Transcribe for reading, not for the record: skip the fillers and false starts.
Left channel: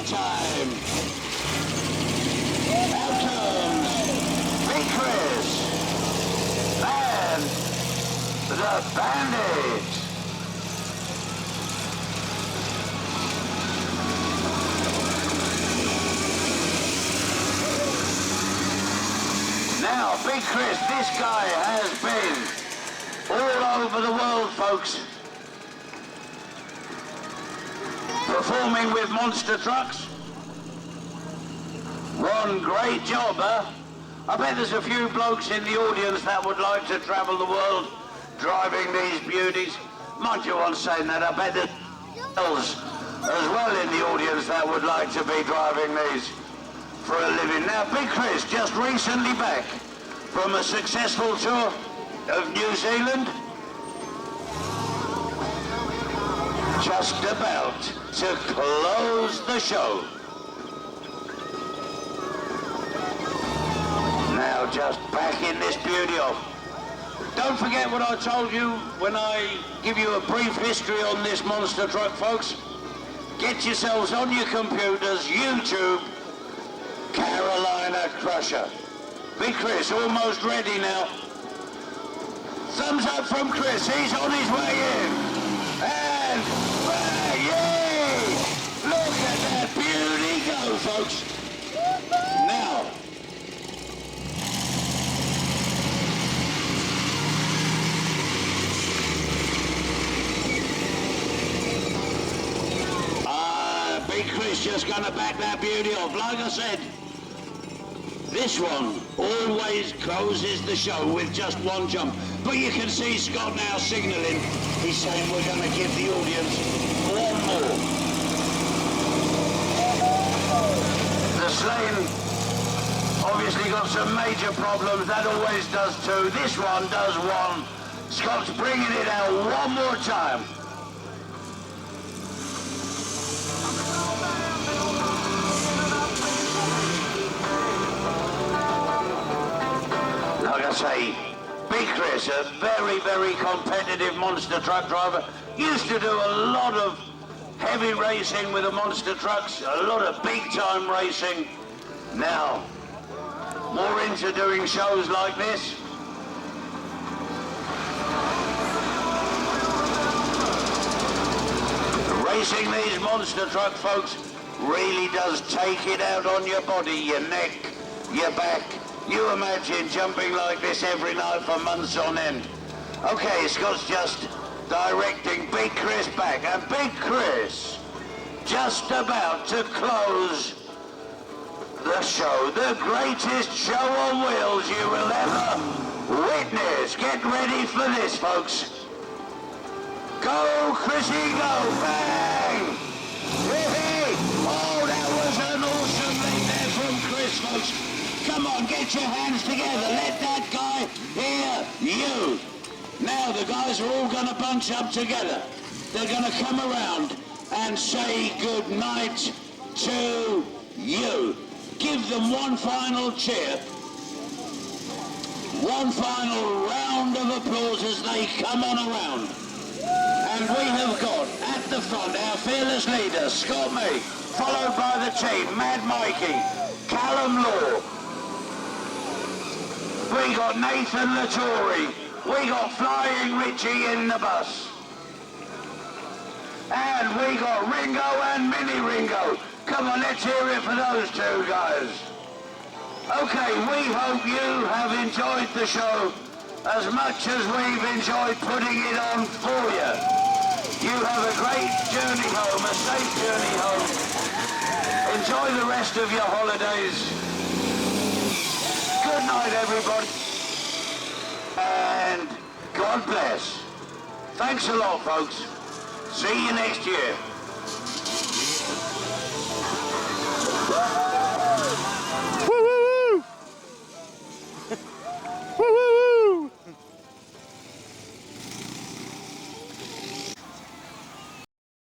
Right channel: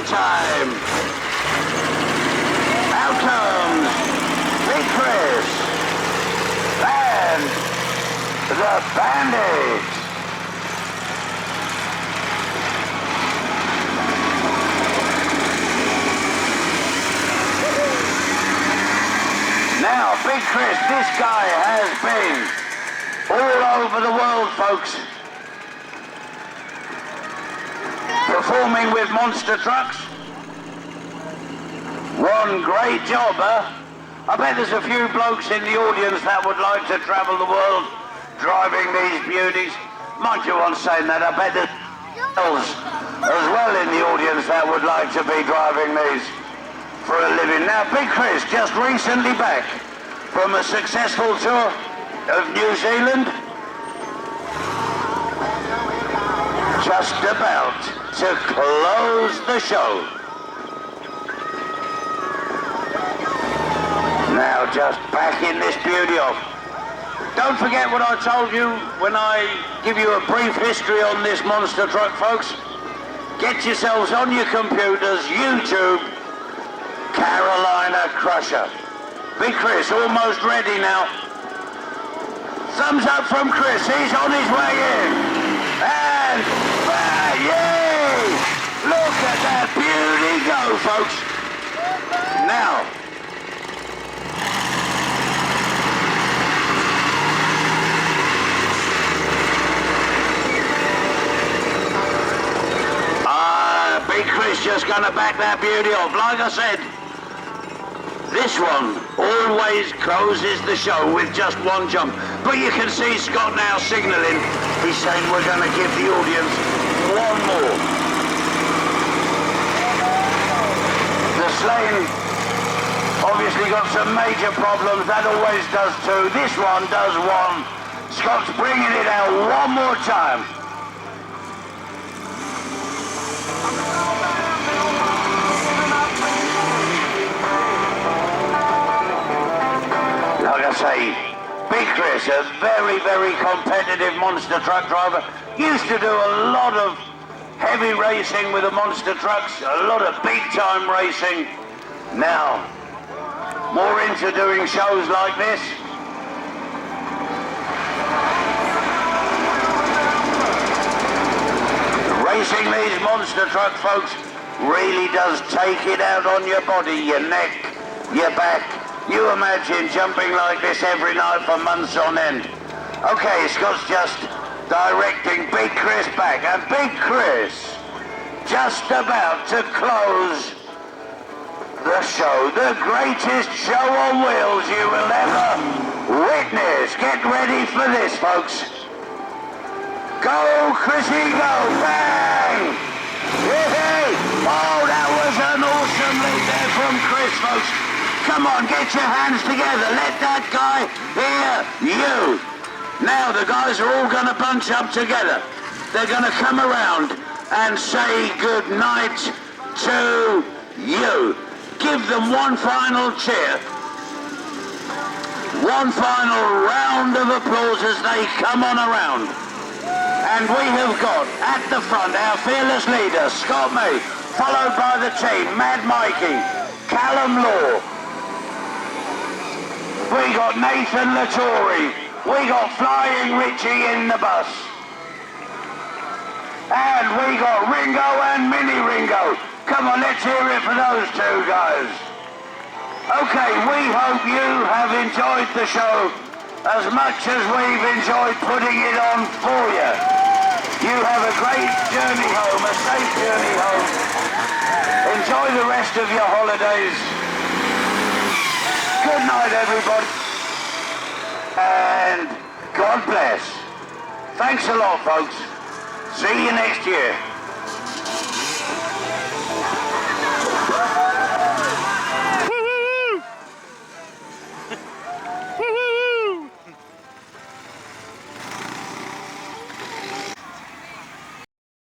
party time. Out comes Big Chris and the Bandit. Now, Big Chris, this guy has been all over the world, folks, performing with monster trucks. One great job, huh? I bet there's a few blokes in the audience that would like to travel the world driving these beauties. Mind you, on saying that, I bet there's girls as well in the audience that would like to be driving these for a living. Now, Big Chris just recently back from a successful tour of New Zealand, just about to close the show. Now just backing this beauty off. Don't forget what I told you when I give you a brief history on this monster truck, folks. Get yourselves on your computers, YouTube, Carolina Crusher. Big Chris, almost ready now. Thumbs up from Chris, he's on his way in. And, yay! Look at that beauty go, folks. Now, Big Chris just gonna back that beauty off. Like I said, this one always closes the show with just one jump. But you can see Scott now signalling. He's saying we're going to give the audience one more. The Slane obviously got some major problems. That always does too. This one does one. Scott's bringing it out one more time. Like I say, Big Chris, a very, very competitive monster truck driver. Used to do a lot of heavy racing with the monster trucks, a lot of big-time racing. Now, more into doing shows like this. Racing these monster trucks, folks, really does take it out on your body, your neck, your back. You imagine jumping like this every night for months on end. Okay, Scott's just directing Big Chris back, and Big Chris just about to close the show, the greatest show on wheels you will ever witness. Get ready for this, folks. Go, Chrissy, go, bang! Yay! Oh, that was an awesome lead there from Chris, folks. Come on, get your hands together. Let that guy hear you. Now the guys are all going to bunch up together. They're going to come around and say good night to you. Give them one final cheer. One final round of applause as they come on around. And we have got at the front our fearless leader, Scott May, followed by the team, Mad Mikey, Callum Law. We got Nathan Latore. We got Flying Richie in the bus. And we got Ringo and Mini Ringo. Come on, let's hear it for those two guys. Okay, we hope you have enjoyed the show as much as we've enjoyed putting it on for you. You have a great journey home, a safe journey home. Enjoy the rest of your holidays. Good night, everybody. And God bless. Thanks a lot, folks. See you next year.